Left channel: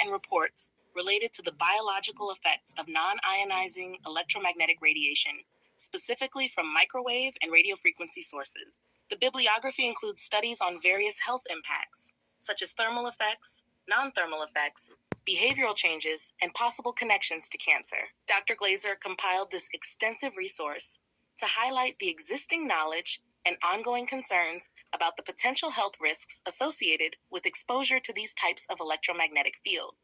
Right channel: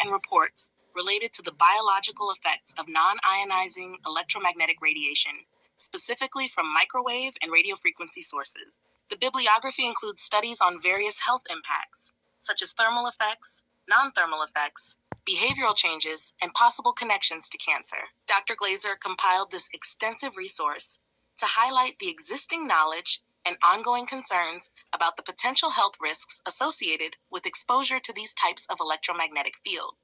and reports related to the biological effects of non-ionizing electromagnetic radiation, specifically from microwave and radiofrequency sources. The bibliography includes studies on various health impacts, such as thermal effects, non-thermal effects, behavioral changes, and possible connections to cancer. Dr. Glaser compiled this extensive resource to highlight the existing knowledge and ongoing concerns about the potential health risks associated with exposure to these types of electromagnetic fields.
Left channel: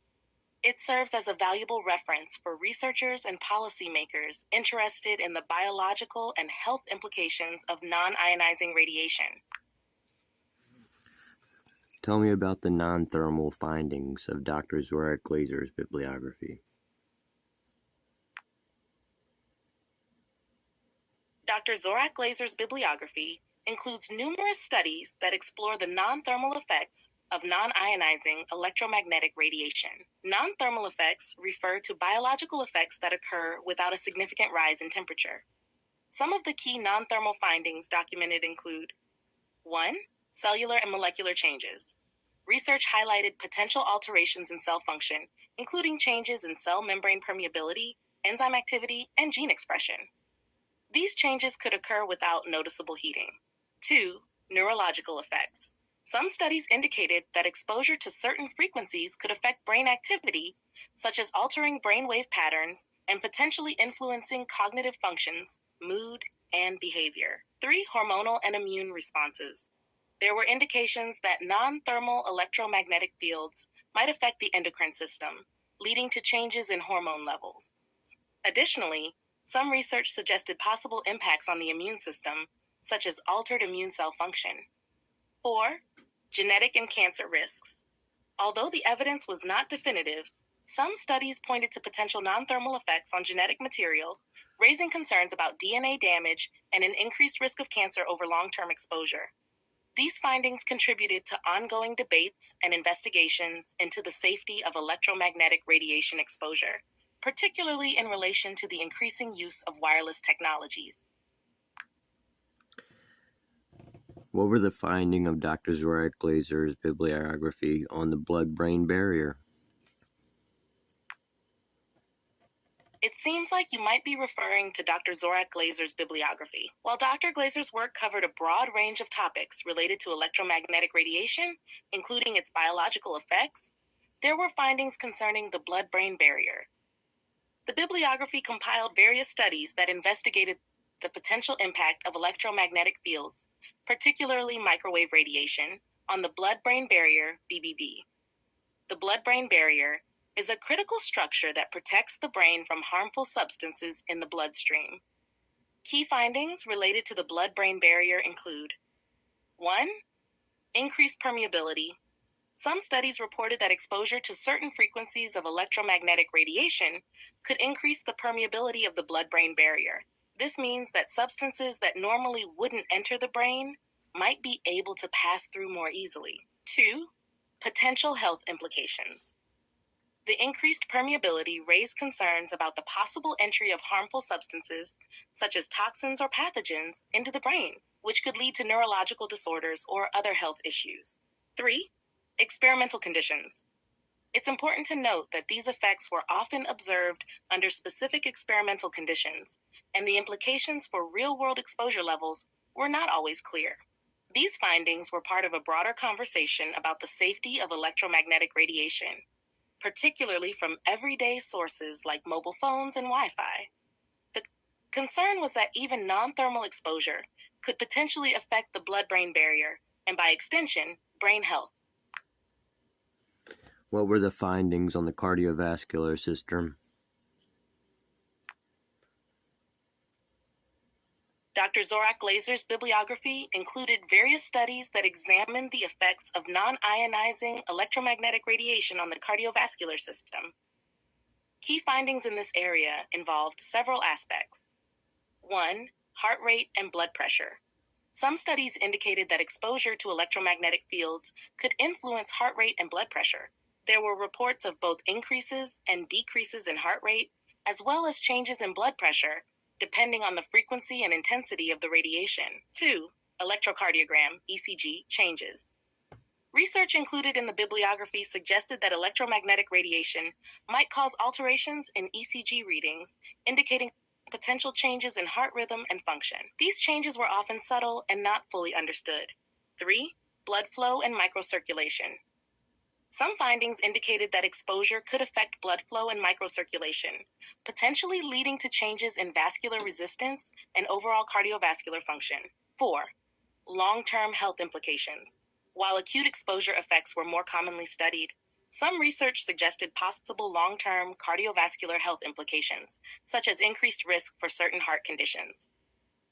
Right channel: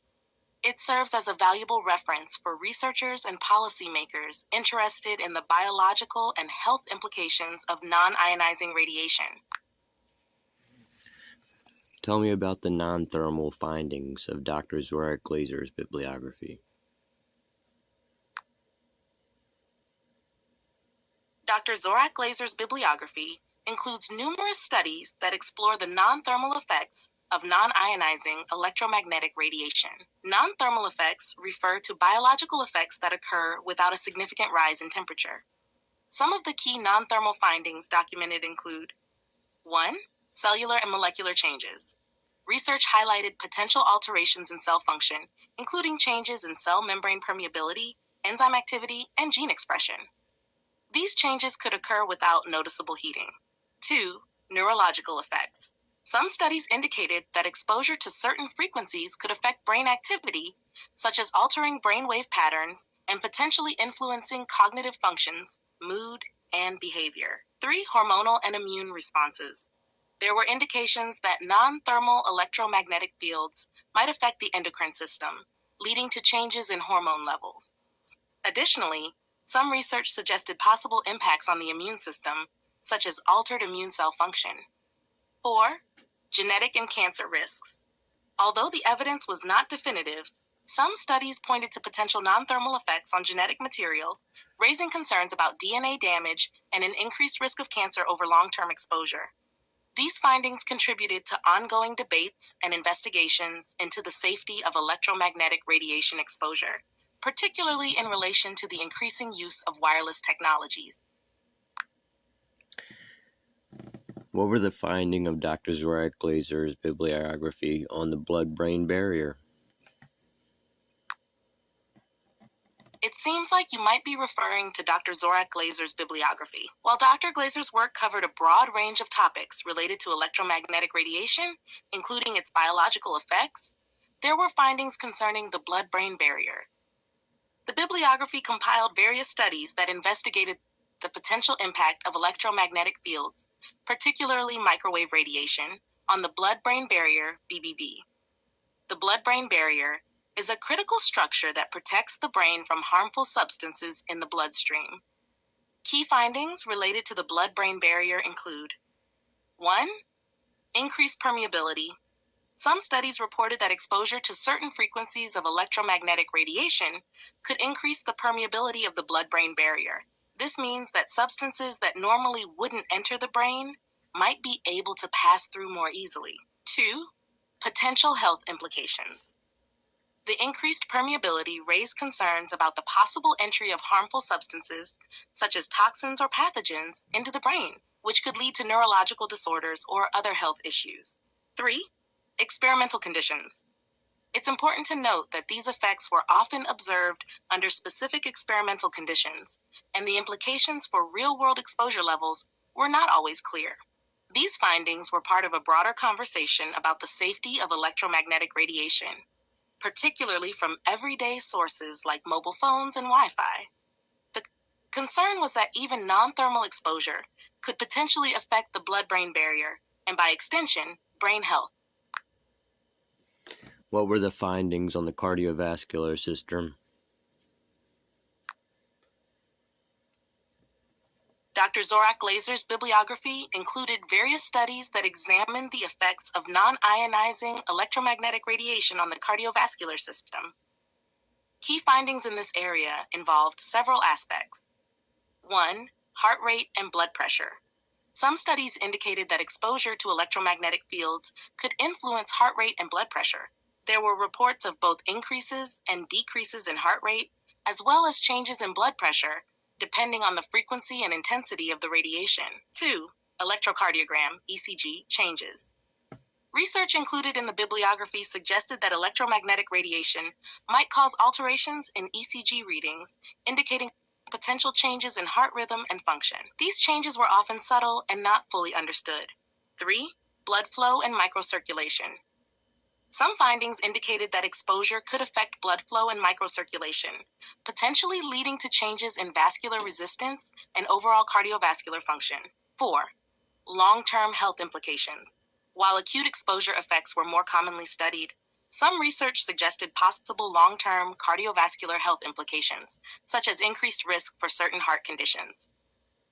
It serves as a valuable reference for researchers and policymakers interested in the biological and health implications of non-ionizing radiation. Tell me about the non-thermal findings of Dr. Zorach Glasers' bibliography. Dr. Zorach Glasers' bibliography includes numerous studies that explore the non-thermal effects of non-ionizing electromagnetic radiation. Non-thermal effects refer to biological effects that occur without a significant rise in temperature. Some of the key non-thermal findings documented include 1. Cellular and molecular changes. Research highlighted potential alterations in cell function, including changes in cell membrane permeability, enzyme activity, and gene expression. These changes could occur without noticeable heating. 2. Neurological effects. Some studies indicated that exposure to certain frequencies could affect brain activity, such as altering brainwave patterns and potentially influencing cognitive functions, mood, and behavior. 3. Hormonal and immune responses. There were indications that non-thermal electromagnetic fields might affect the endocrine system, leading to changes in hormone levels. Additionally, some research suggested possible impacts on the immune system, such as altered immune cell function. 4. Genetic and cancer risks. Although the evidence was not definitive, some studies pointed to potential non-thermal effects on genetic material, raising concerns about DNA damage and an increased risk of cancer over long-term exposure. These findings contributed to ongoing debates and investigations into the safety of electromagnetic radiation exposure, particularly in relation to the increasing use of wireless technologies. What were the findings of Dr. Zorach Glasers' bibliography on the blood-brain barrier? It seems like you might be referring to Dr. Zorach Glasers' bibliography. While Dr. Glasers' work covered a broad range of topics related to electromagnetic radiation, including its biological effects, there were findings concerning the blood-brain barrier. The bibliography compiled various studies that investigated the potential impact of electromagnetic fields, particularly microwave radiation, on the blood-brain barrier, BBB. The blood-brain barrier is a critical structure that protects the brain from harmful substances in the bloodstream. Key findings related to the blood-brain barrier include 1. Increased permeability. Some studies reported that exposure to certain frequencies of electromagnetic radiation could increase the permeability of the blood-brain barrier. This means that substances that normally wouldn't enter the brain might be able to pass through more easily. 2. Potential health implications. The increased permeability raised concerns about the possible entry of harmful substances, such as toxins or pathogens, into the brain, which could lead to neurological disorders or other health issues. 3. Experimental conditions. It's important to note that these effects were often observed under specific experimental conditions, and the implications for real-world exposure levels were not always clear. These findings were part of a broader conversation about the safety of electromagnetic radiation, particularly from everyday sources like mobile phones and Wi-Fi. The concern was that even non-thermal exposure could potentially affect the blood-brain barrier, and by extension, brain health. What were the findings on the cardiovascular system? Dr. Zorach Glasers' bibliography included various studies that examined the effects of non-ionizing electromagnetic radiation on the cardiovascular system. Key findings in this area involved several aspects. 1. Heart rate and blood pressure. Some studies indicated that exposure to electromagnetic fields could influence heart rate and blood pressure. There were reports of both increases and decreases in heart rate, as well as changes in blood pressure, depending on the frequency and intensity of the radiation. 2. Electrocardiogram, ECG, changes. Research included in the bibliography suggested that electromagnetic radiation might cause alterations in ECG readings, indicating potential changes in heart rhythm and function. These changes were often subtle and not fully understood. 3. Blood flow and microcirculation. Some findings indicated that exposure could affect blood flow and microcirculation, potentially leading to changes in vascular resistance and overall cardiovascular function. 4. Long-term health implications. While acute exposure effects were more commonly studied, some research suggested possible long-term cardiovascular health implications, such as increased risk for certain heart conditions.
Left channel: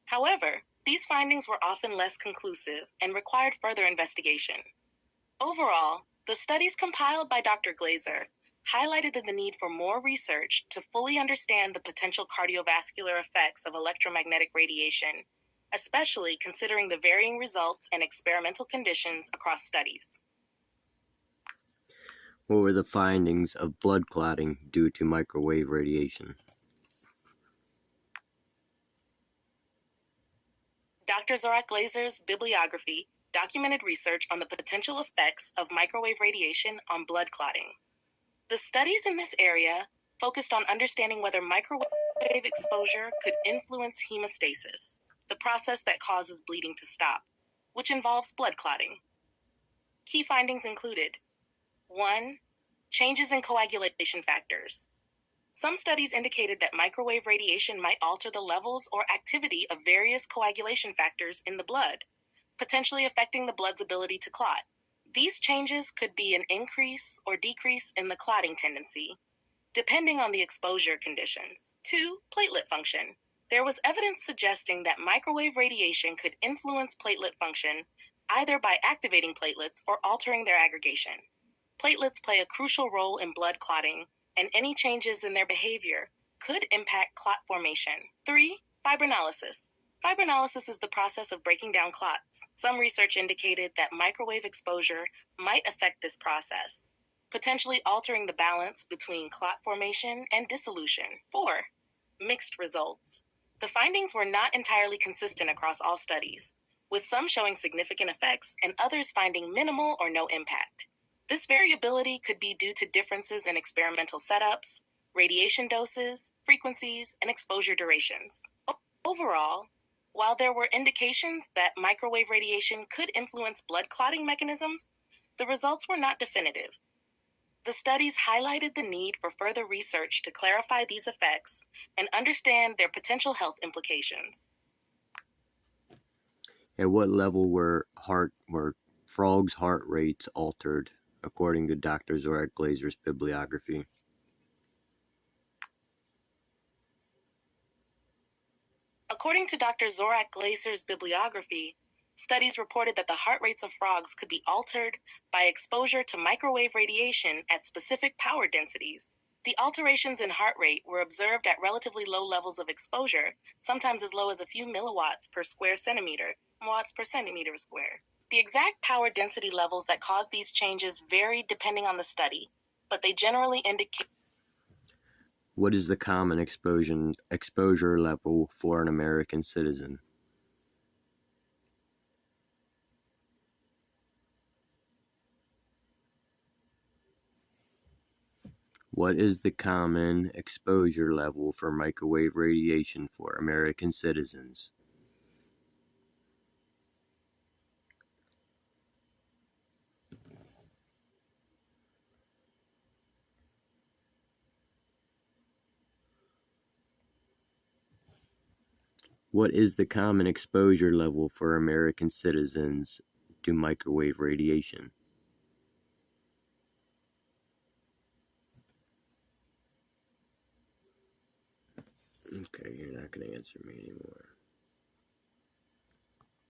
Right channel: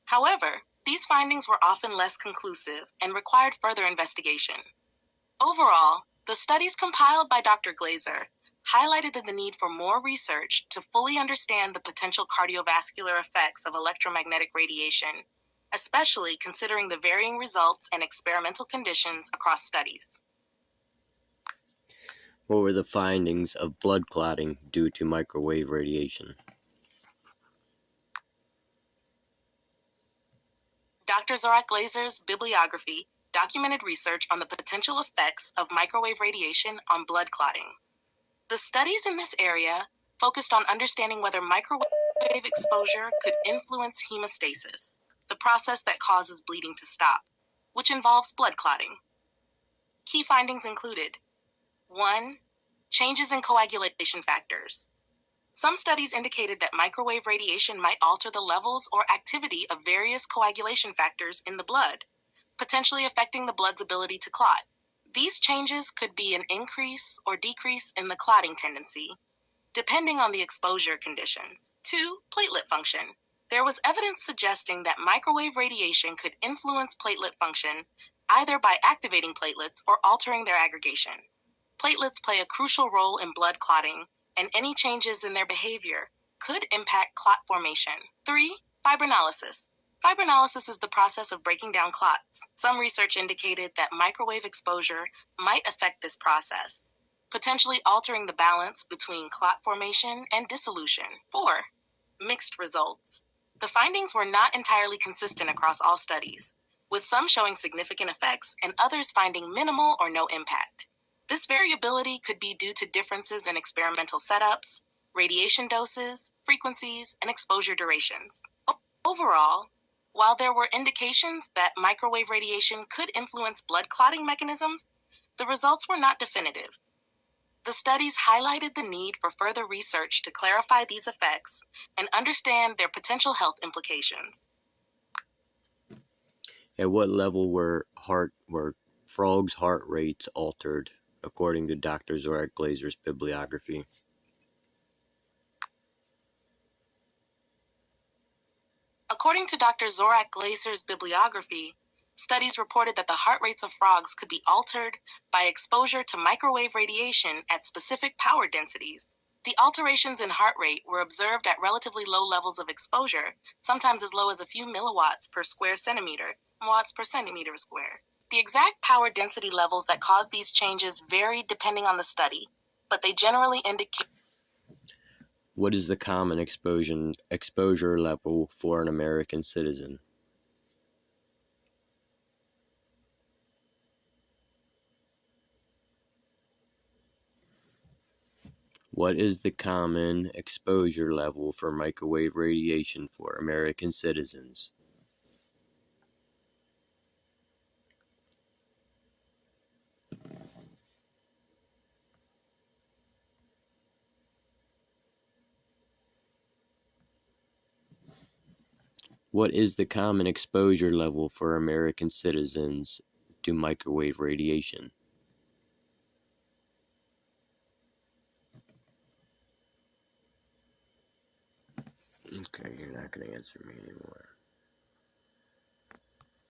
However, these findings were often less conclusive and required further investigation. Overall, the studies compiled by Dr. Glaser highlighted the need for more research to fully understand the potential cardiovascular effects of electromagnetic radiation, especially considering the varying results and experimental conditions across studies. What were the findings of blood clotting due to microwave radiation? Dr. Zorach Glasers' bibliography documented research on the potential effects of microwave radiation on blood clotting. The studies in this area focused on understanding whether microwave exposure could influence hemostasis, the process that causes bleeding to stop, which involves blood clotting. Key findings included: 1. Changes in coagulation factors. Some studies indicated that microwave radiation might alter the levels or activity of various coagulation factors in the blood, potentially affecting the blood's ability to clot. These changes could be an increase or decrease in the clotting tendency, depending on the exposure conditions. 2. Platelet function. There was evidence suggesting that microwave radiation could influence platelet function either by activating platelets or altering their aggregation. Platelets play a crucial role in blood clotting, and any changes in their behavior could impact clot formation. 3. Fibrinolysis. Fibrinolysis is the process of breaking down clots. Some research indicated that microwave exposure might affect this process, potentially altering the balance between clot formation and dissolution. 4. Mixed results. The findings were not entirely consistent across all studies, with some showing significant effects and others finding minimal or no impact. This variability could be due to differences in experimental setups, radiation doses, frequencies, and exposure durations. Overall, while there were indications that microwave radiation could influence blood clotting mechanisms, the results were not definitive. The studies highlighted the need for further research to clarify these effects and understand their potential health implications. At what level were frogs' heart rates altered, according to Dr. Zorach Glasers' bibliography? According to Dr. Zorach Glasers' bibliography, studies reported that the heart rates of frogs could be altered by exposure to microwave radiation at specific power densities. The alterations in heart rate were observed at relatively low levels of exposure, sometimes as low as a few milliwatts per square centimeter, watts per centimeter square. The exact power density levels that caused these changes varied depending on the study, but they generally indicate. What is the common exposure level for an American citizen? What is the common exposure level for microwave radiation for American citizens? What is the common exposure level for American citizens to microwave radiation? Okay, you're not going to answer me anymore.